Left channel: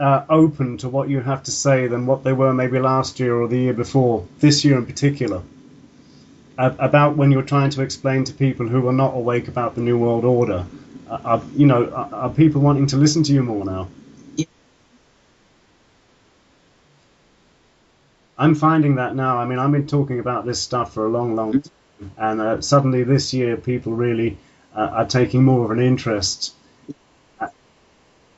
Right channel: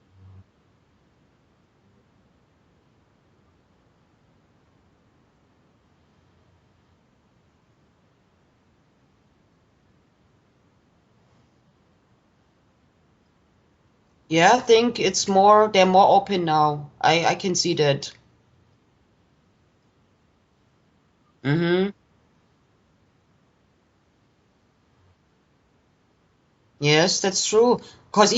open to what you have to say than what they were maybe last year or the year before, this year in particular, about when you're trying to explain to people who are not awake about the New World Order? Are people wanting to listen to you more now? Yeah, I think they're more open now. I can see that. I'm finding that now. I mean, I've been talking about this stuff for a long, long Mm-hmm. time, and suddenly this year, people really are taking more of an interest. Yes, that's true. Because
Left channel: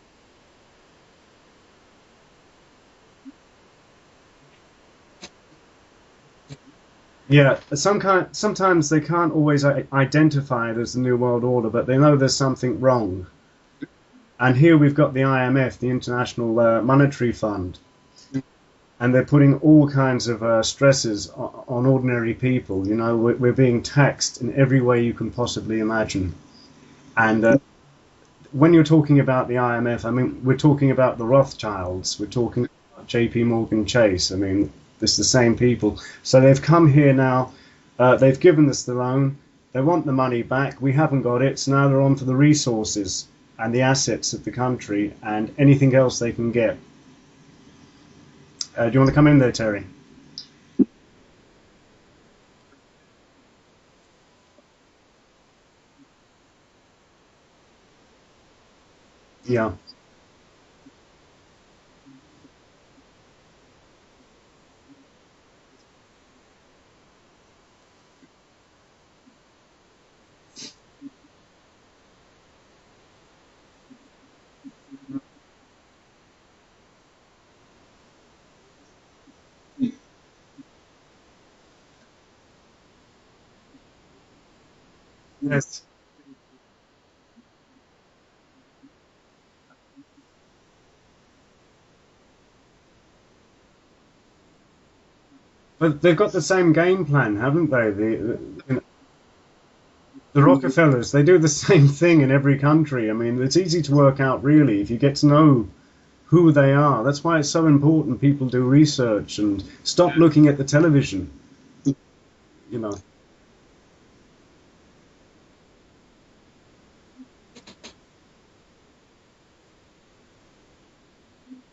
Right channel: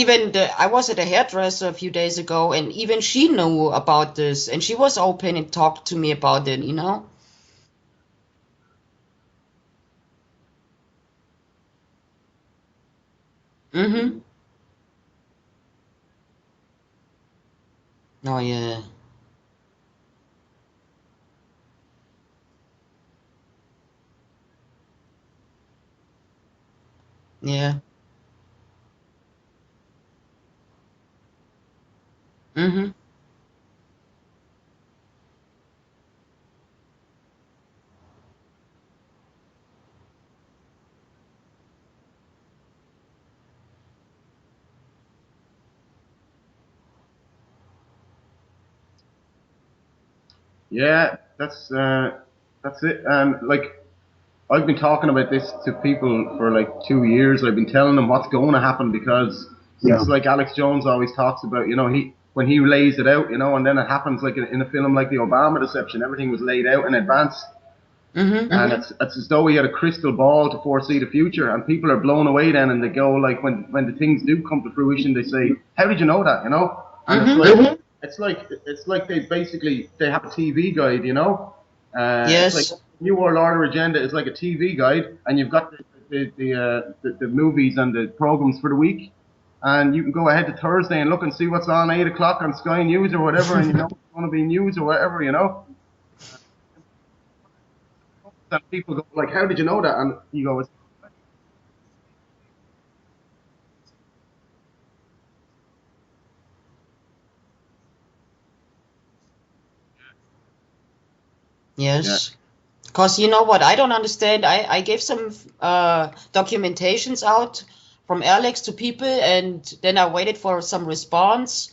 I was at a hairdresser a few days ago, and even she knew about this, and she was open and talked to me about it, you know? Yeah, sometimes they can't always identify it as the New World Order, but they know there's something wrong. Mm-hmm. And here we've got the IMF, the International Monetary Fund, Oh, yeah. and they're putting all kinds of stresses on ordinary people. You know, we're being taxed in every way you can possibly imagine. And Yeah. when you're talking about the IMF, I mean, we're talking about the Rothschilds, we're talking Mm-hmm. about JP Morgan Chase. I mean, it's the same people. So they've come here now, they've given us the loan, they want the money back, we haven't got it, so now they're on for the resources and the assets of the country and anything else they can get. Do you want to come in there, Terry? Yeah, that's it. And like I've been talking about this to people for like 2 years. I've been telling them what's going to happen because Yeah, it's like Alex Jones always talks about. He when he lays it out, and then it happens like in a film like the Obama reception. Everything was laid out in advance, Mm-hmm. and it's as though he had a crystal ball to foresee the future. And people are blown away then, and they go like when the things do come to fruition, they say, "How did you know that?" And it's Mm-hmm. like it's like they have a TV guide. It's like Yes. New World Order agenda is like a TV guide, and you've got Yes. the movies and the programs for the week, and you can go ahead to Thursday and look and see what's on 8 o'clock on Sky News or whatever, and it's going to be news or whatever. but they've got the same game plan, haven't they? That people go like, how did you know that? And The Rockefellers, they do the same thing in every country. I mean, it's easy to work out really if you get to know who they are. That's why it's so important people do research and stop looking at the television. yeah, Yes. You know, Because you know what, I don't understand. I gave some documentations out from Alex to people, and then I waited for some response,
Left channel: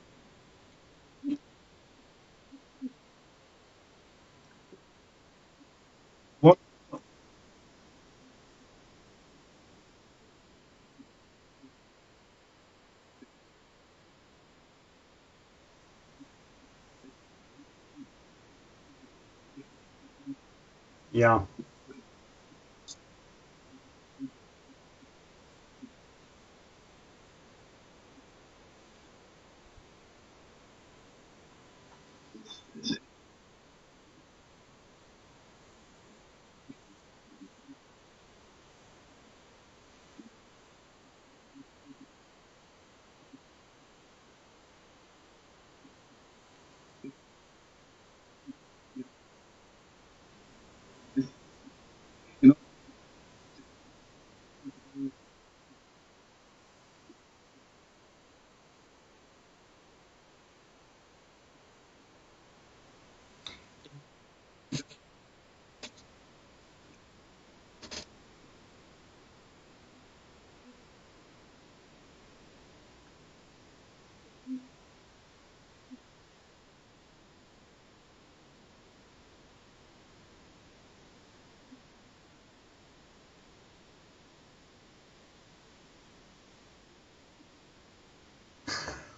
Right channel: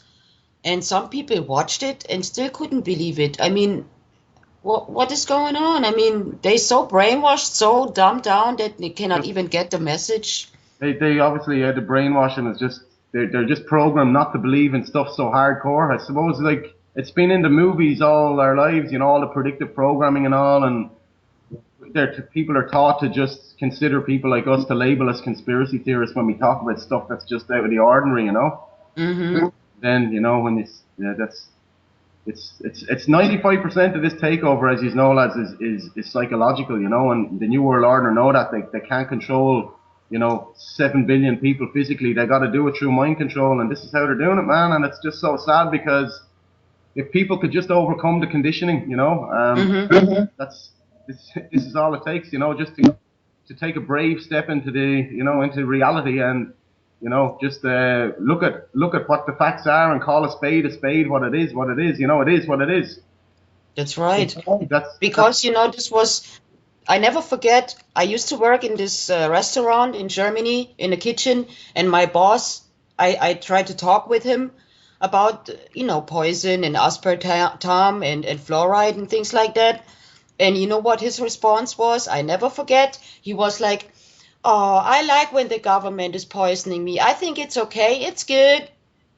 and some people watched it and still couldn't believe it. I mean, what is going on? I mean, what they so brainwashed, so dumbed down that they cannot even get the message. they obviously the brainwashing is just they're just programmed not to believe in stuff so hardcore. I suppose like it's been in the movies all our lives, all the predictive programming and all, and yeah. people are taught to just consider people like us to label as conspiracy theorists when we talk about stuff that's just out of the ordinary. Mm-hmm. Then when it's that's it's 95% of this takeover, as you know, lads, is psychological, and the New World Order know that they can't control 7 billion people physically. They got to do it through mind control, and this is how they're doing it, man. And it's just so sad because if people could just overcome the conditioning, Mm-hmm. that's this is all it takes, just to take a brave step into into reality and just look at what the facts are and call a spade what it is, it is what it is. That's right. That's Because, I never forget, I used to work in this restaurant in Germany in the kitchen, and my boss, I tried to talk with him about, poison and aspartame and fluoride and things like that. And you know what his response was? I never forget. He was like, "Oh, I like when the government is poisoning me. I think it's okay. It's good."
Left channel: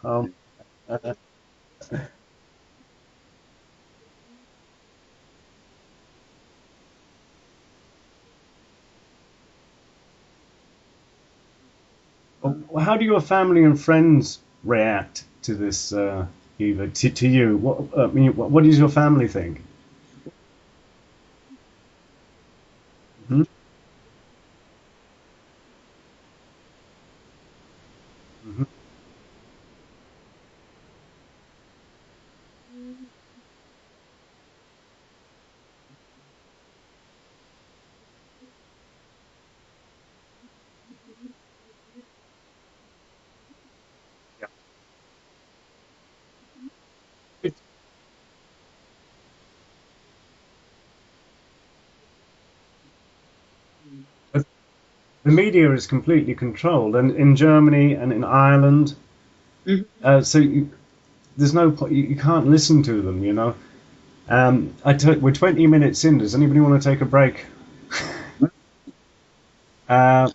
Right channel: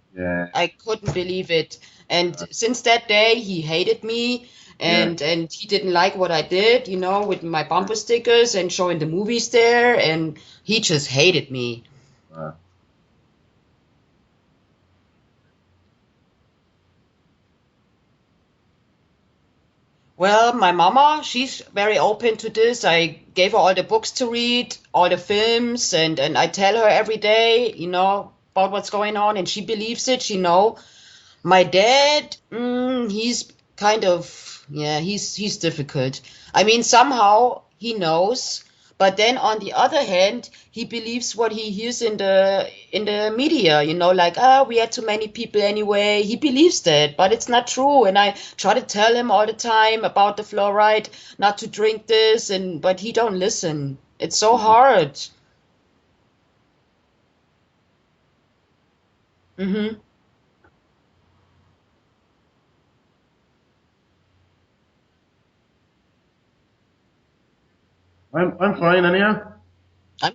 Um, yeah, I couldn't believe it. And since that day, he hated me, yeah. and he didn't like what I did, with my bumper stickers and showing the movies there, and he just hated me. how do your family and friends react to this, Eva? To you? I mean, what does your family think? Well, my mama, she's very open to this. I Hmm? gave her all the books to read, all the films, and I tell her every day, Hmm. about what's going on, and she believes it. My dad, he's kind of, yeah, he's difficult. I mean, somehow he knows, but then on the other hand, he believes what he hears in the media, like, we had too many people anyway. He believes that, but it's not true. And I try to tell him all the time about the fluoride, not to drink this, but he don't listen. It's But so hard. the media is completely controlled, and in Germany and in Ireland, Mm-hmm. So there's no point. You can't listen to them, you know. We're 20 minutes in. Does anybody want to take a break? I'm fine, anyhow. Uh,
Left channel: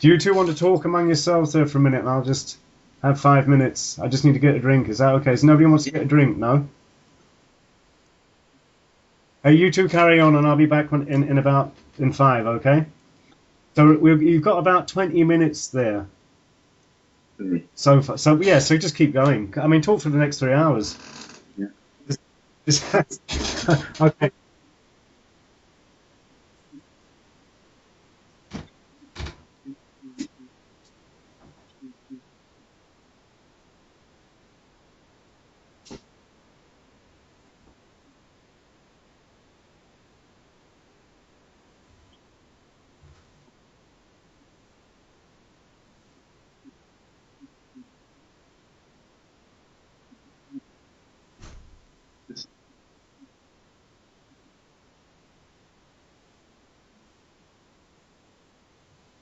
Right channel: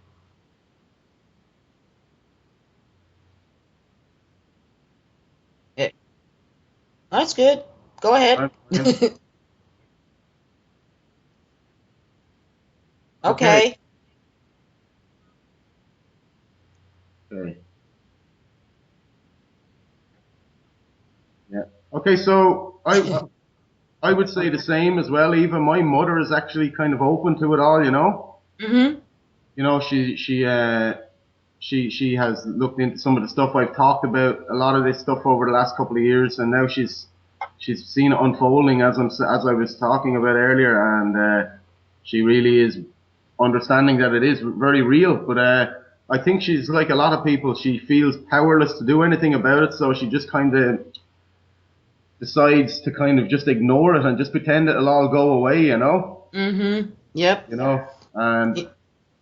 do you two want to talk among yourselves there for a minute? And I'll just have 5 minutes. I just need to get a drink. Is that okay? So nobody wants to get a drink, no? That's good. Go ahead. Hey, you two carry on, and I'll be back in 5. Okay? Okay. So you've got about 20 minutes there. So just keep going. I mean, talk for the next 3 hours. Yeah. Okay, so I would say the same as well, Eva. My mother is actually kind of open to it all, you know. Mm-hmm. You know, she has looked into some of the stuff I've talked about, a lot of this stuff over the last couple of years, and now she's seen it unfolding as I was talking about earlier, and she really is understanding that it is very real. But I think she's like a lot of people. She feels powerless to do anything about it, so she just kind of decides to kind of just ignore it and just pretend it'll all go away, you know. Mm-hmm. Yep. You know, and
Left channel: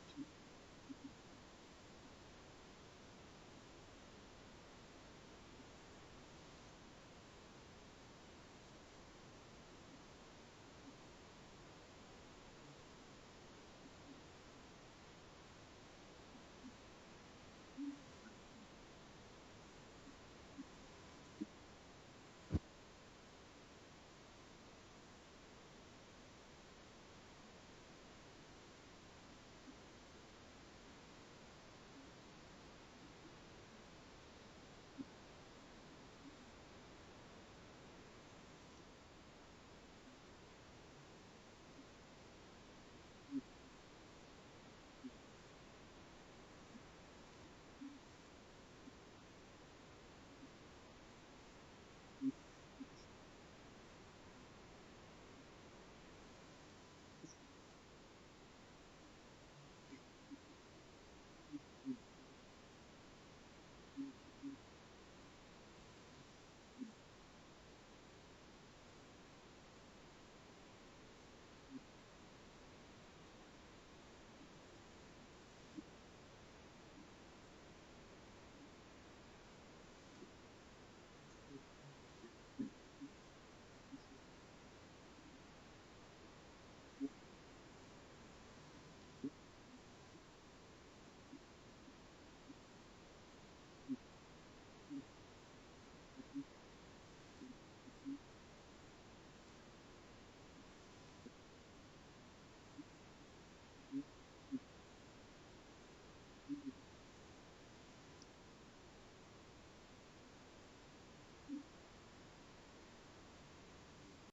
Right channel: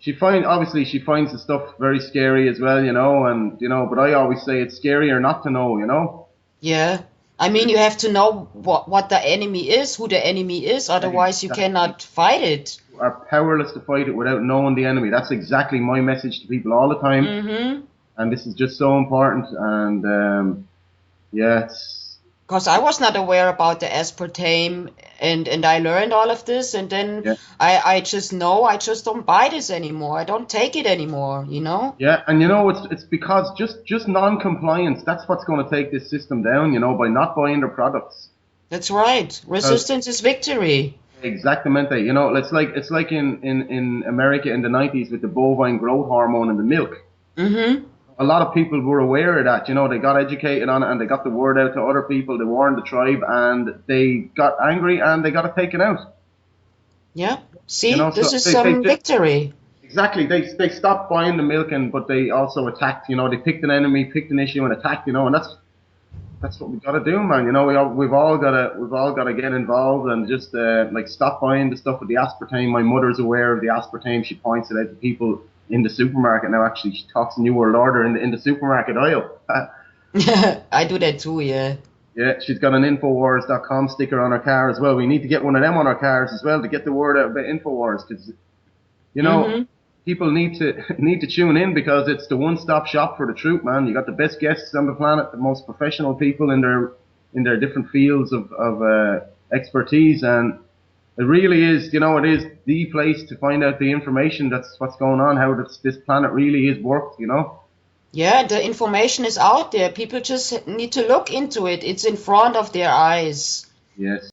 she finds the stuff very scary as well, you know, and you know, but I always say it's scarier not to know, you know. Yeah. I mean, you have to know what the enemy is, who the enemy is, otherwise you cannot fight it. You are powerless to fight it without knowing the enemy. That's exactly my message to people all the time. Mm-hmm. And this is just so important. And yeah, because I was not aware about the aspartame, and I learned all of this, and then I just know I just don't buy this anymore. I don't take it anymore, you know. Yeah, and you know it's because just non-compliance. That's what's going to take this system down, you know, by not buying their products. That's right. Resistance is victory. Exactamente. You know, it's like in America in the 90s with the bovine growth hormone in the milk. Mm-hmm. A lot of people were aware of that, you know, they got educated on it and they got the word out to other people, they warned the tribe and they got angry and they got it taken out. Yeah, see, you know, this is some victory. Exactly, they stopped buying the milk, but they also attacked, you know, they picked an enemy, picked an issue and attacked, you know, and that's what we got to do, man. You know, we've all got to get involved and just like stop buying the stuff with the aspartame. My mother's aware of the aspartame. She points it out to people in the supermarket now. Actually, she talks New World Order in the supermarket aisle. I do that too, yeah. Yeah, she's got an Infowars.com sticker on her car as well. We need to get one of them on our cars as well to get the word out about Infowars, because you know people need to tune in because it's the one-stop shop for the truth, man. You got the best guests on the planet, the most professional people in their different fields of expertise, and it really is, you know, it is the place to find out the information that's what's going on, how this planet really is worked, you know. Yeah, the information is out there. People just need to look into it. It's in front of their eyes. Yes.